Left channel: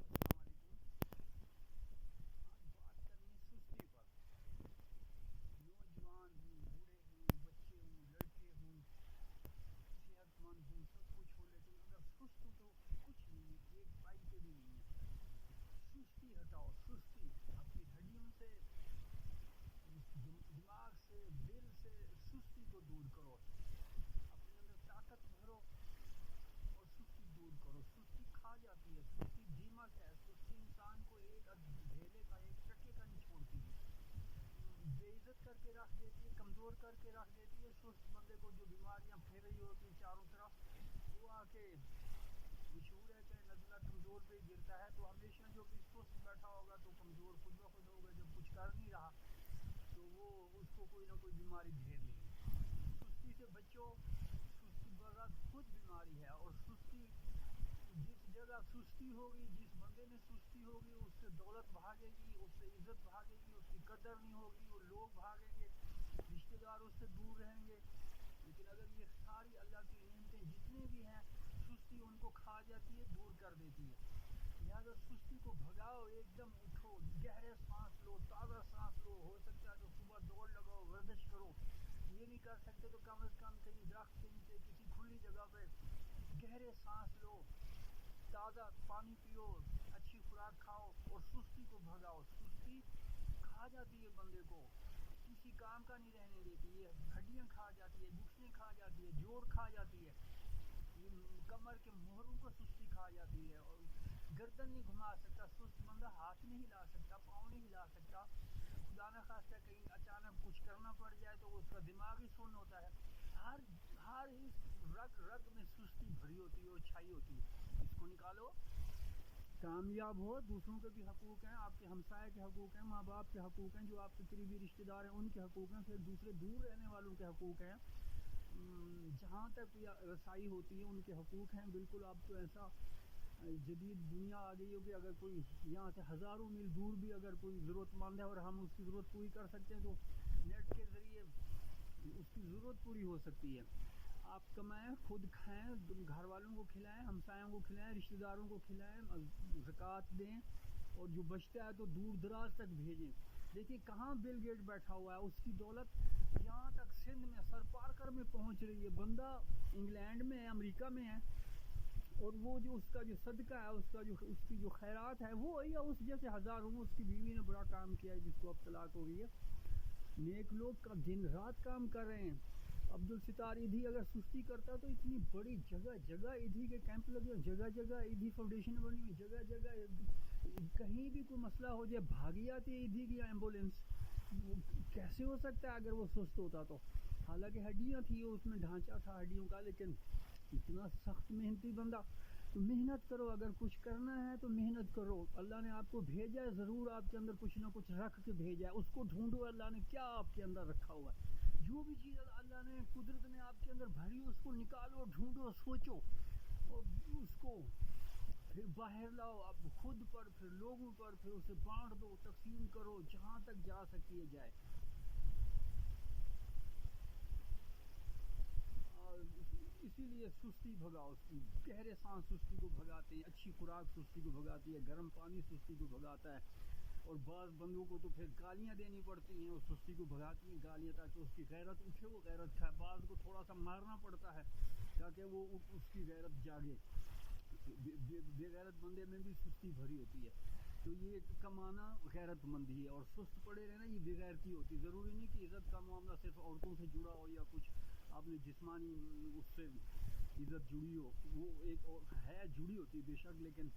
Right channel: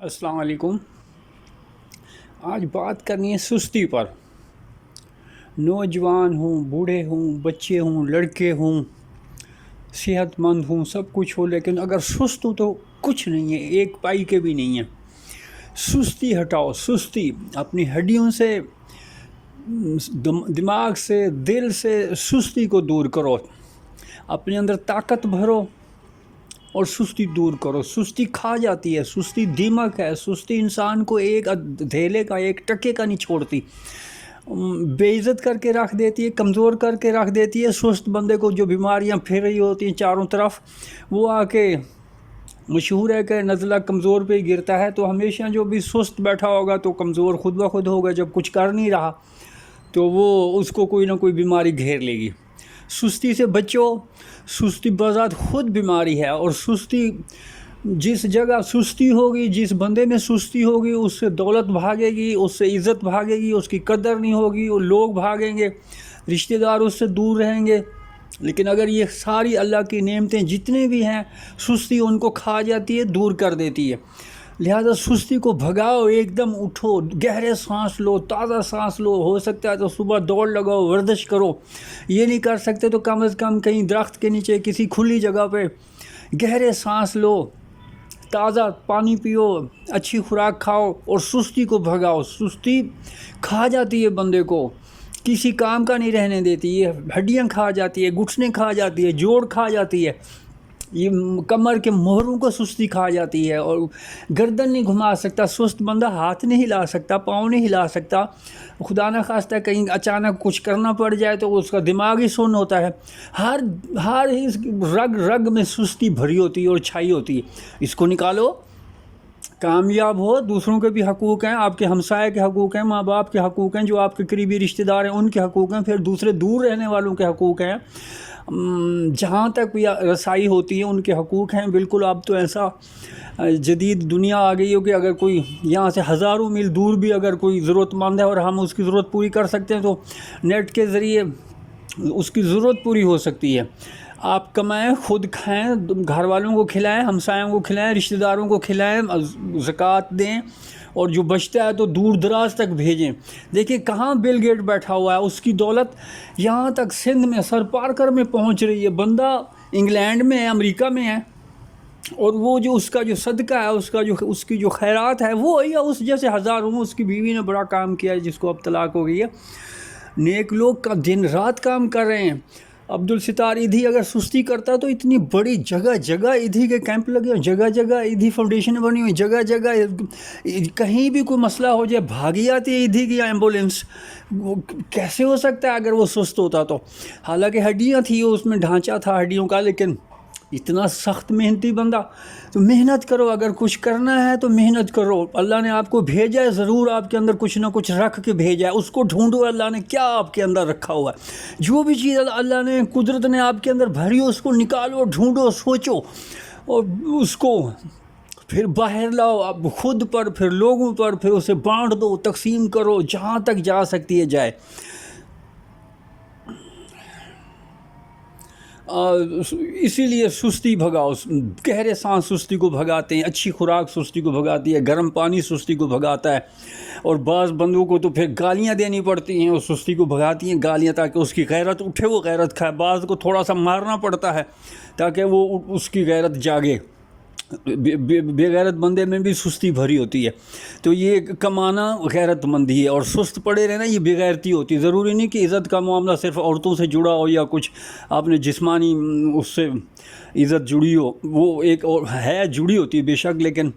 السلام علیکم۔ آج بات کرنی ہے سستی پر۔ نوجوان ہوں، بوڑھے ہوں، بچے ہوں، لڑکے ہوں، صحت مند ہوں، سب کچھ ہو، لیکن اگر سست ہو تو کچھ نہیں ہے، ایک پائی کے بھی نہیں ہے۔ سستی ہٹاؤ، سستی اپنی ہڈیوں سے، دماغ سے، دل سے سستی کو دور کرو، اپنے اندر طاقت بھرو اور سستی دور کرو۔ سستی کھا جاتی ہے، سستی دیمک ہے، سستی انسان کو ایک دھیلے کا، ایک ٹکے کا نہیں چھوڑتی، بے عزت کر کے رکھ دیتی ہے، کمزور کر کے رکھ دیتی ہے۔ سست بندے کو جو بیماریاں پھیر رہی ہوتی ہیں چاروں طرف، وہ آ کے مشہور ہے کہ نزلہ کمزور پہ ہی گرتا ہے، تو ہمیشہ جو بھی سست بیٹھا ہوگا تو کمزور خود بخود ہوگا، جب کچھ کر نہیں رہا تو وہ اس کو کوئی نہ کوئی بیماری گھیر لے گی۔ سستی سے بچو، سستی بذات خود بیماری ہے، اور سستی جس جگہ سستی ہوگی، جس بندے میں سستی ہوگی، اس سے دولت بھاگے گی، اس سے عزت بھاگے گی، اس کی قدر نہیں ہوگی، وہ لوگ بھاگیں گے، رشتہ دار اس سے دور رہیں گے۔ لیکن اگر یہ ساری اللہ کی نعمتیں جتنے بھی ہیں، سستی ان کو کھا جاتی ہے، دور کر دیتی ہے۔ لہذا سستی کو بھگاؤ، ایک دم اٹھو، گہرے سانس لو، تازہ سانس لو، ہو سکتا ہے تو صبح دوڑ لگاؤ، ورزش کرو، یہ نہیں کر سکتے تو کم از کم کہیں درخت کے نیچے کسی کھلی جگہ پہ گہرے سانس لو، تازہ پانی پیو، اچھی خوراک کھاؤ اور سستی کو بھگاؤ۔ سستی کھا جاتی ہے بندے کو، کسی کام کا نہیں رہنے دیتی، یہ ہڈیاں کھا جاتی ہے، گھٹنے کھا جاتی ہے، جوڑ کھا جاتی ہے، یہ کمر کے موہروں کو سستی کھا جاتی ہے، اور گردن نہیں گھما سکتا سست بندہ، ہاتھ نہیں ہلا سکتا، پاؤں نہیں ہلا سکتا، خدا نہ خواستہ کہیں اچانک کچھ کرنا پڑ جائے تو اس کا دماغ ہی سن ہوتا ہے۔ ہر رگ رگ میں سستی بھری ہوتی ہے اور چھائی ہوتی ہے، اس کو نکالو۔ کامیاب ہو، دوسروں کے بھی حقوق ہیں، آپ کے ہمسائے کے حقوق ہیں، ماں باپ کے حقوق ہیں، جو آپ کے قریبی رشتہ دار ہیں ان کے حقوق ہیں، پھر دوسرے دور رہنے والوں کے حقوق ہیں، جہاں تک بھی رسائی ہوتی ہے ان کے حقوق ہیں۔ بالکل اب تو ایسا جدید دنیا آ گئی ہو کہ اگر کوئی یہاں سے ہزاروں میل دور بھی اگر کوئی ضرورت مند ہے اور ہم اس کی ضرورت پوری کر سکتے ہیں تو نیٹ کے ذریعے اس کی ضرورت پوری ہو سکتی ہے۔ آپ کمائیں، خود کھائیں، گھر والوں کو کھلائیں، ہمسایوں کو کھلائیں، رشتہ داروں کو کھلائیں، زکوٰۃ دیں، اور جو بچتا ہے تو دور دراز تک بھیجیں۔ دیکھیں کہاں بل گیٹ بیٹھا ہوا ہے، اس کی دولت یہاں تک سندھ میں، سر پارکر میں پہنچ رہی ہے، بندہ انگلینڈ میں ہے، امریکہ میں ہے، اور وہ جو اس کا جو صدقہ ہے، اس کی جو خیرات ہے، وہ یا اس جیسے ہزاروں، اس کی بیوی نے بڑا کام کیا ہے جس کو اب طلاق ہو گئی ہے، نیک لوگ کا دن رات کام کر رہے ہیں۔ عبدالستار ایدھی اگر سستی کرتا تو اتنی بڑی جگہ جگہ ایدھی کے کیمپ لگے ہوئے، جگہ جگہ ایدھی فاؤنڈیشن بنی ہوئی، جگہ جگہ کہیں بھی کوئی مسئلہ ہو جائے بھاگی آتی ہے ایدھی کی ایمبولینس۔ وہ کیسے ہو سکتا ہے اگر وہ سست ہوتا تو؟ حالانکہ ہڈیاں تھیں، اس میں ڈھانچہ تھا ہڈیوں کا، لیکن اتنا سخت محنتی بندہ۔ تو محنت کرو، اگر کچھ کرنا ہے تو محنت کرو، اللہ نے آپ کو بھیجا ہے، ضرور آپ کے اندر کچھ نہ کچھ رکھ کے بھیجا ہے، اس کو ڈھونڈو اللہ نے کیا آپ کے اندر رکھا ہوا ہے۔ جو بھی چیز اللہ نے، قدرت نے آپ کے اندر بھری ہو، اس کو نکالو، ڈھونڈو، سوچو، اور اس کو پھر باہر لاؤ، اب خود پر، پھر لوگوں پر، پھر اسے بانٹ دو، تقسیم کرو، جہاں تک جا سکتی ہے جائے۔ اسی لیے سستی بھگاؤ، گہرے سانس سستی کو بھگاتے ہیں، اچھی خوراک سستی کو بھگاتی ہے، گرم پانی سستی کو بھگاتا ہے، اور بعض بندوں کو تو پھر گالیاں دینی پڑتی ہیں اور سستی کو بھگاتی ہیں گالیاں، تاکہ اس کی غیرت اٹھے، وہ غیرت کھائے۔ بعض کو تھوڑا سا مارنا پڑتا ہے تاکہ وہ اس کی غیرت جاگے۔ بے غیرت بندے میں بھی سستی بھری ہوتی ہے، تو یہ کمانا غیرت مندی ہے، اور سست پڑے رہنا یہ بے غیرتی ہوتی ہے۔ ضروری نہیں کہ عزت کا معاملہ صرف عورتوں سے جڑا ہو یا کچھ آپ نے جسمانی اس سے عزت جڑی ہو، وہ ایک اور ہے، جڑی ہوتی ہے بے شک، لیکن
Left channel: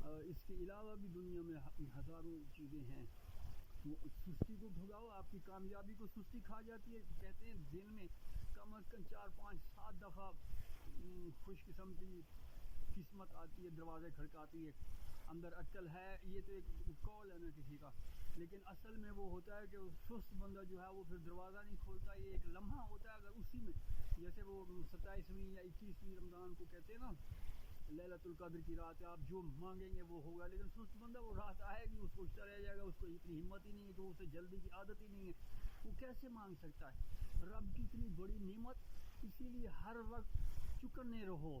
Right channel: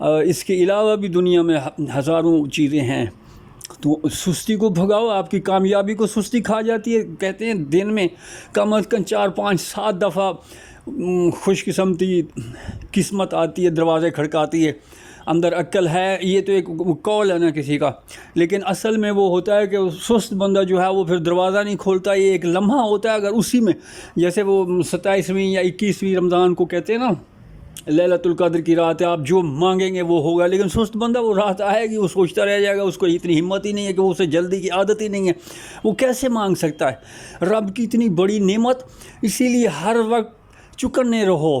اس کے علاوہ بھی دنیا میں ہزاروں چیزیں ہیں۔ تو سستی کو بھگاؤ، آپ کی کامیابی کو سستی کھا جاتی ہے۔ کہتے ہیں دن میں کم از کم 4 5 7 دفعہ خوش قسمتی قسمت آتی ہے، دروازے کھڑکاتی ہے، اندر عقل ہے، یہ تو ایک قول ہے نا کسی کا، لیکن اصل میں وہ ہوتا ہے کہ سست بندہ جو ہے وہ پھر دروازہ نہیں کھولتا، یہ ایک لمحہ ہوتا ہے، اگر اسی میں جیسے وہ 27ویں یا 21ویں رمضان کو کہتے ہیں نا لیلۃ القدر کی رات ہے، آپ جو مانگیں گے وہ ہوگا، لیکن سست بندہ وہ رات آئے گی وہ سوچتا رہ جائے گا، اس کو اتنی ہمت ہی نہیں ہے کہ اسے جلدی کی عادت ہی نہیں ہے، وہ کیسے مانگ سکتا ہے رب کی اتنی بڑی نعمت۔ اسی لیے ہر وقت چکنے رہو،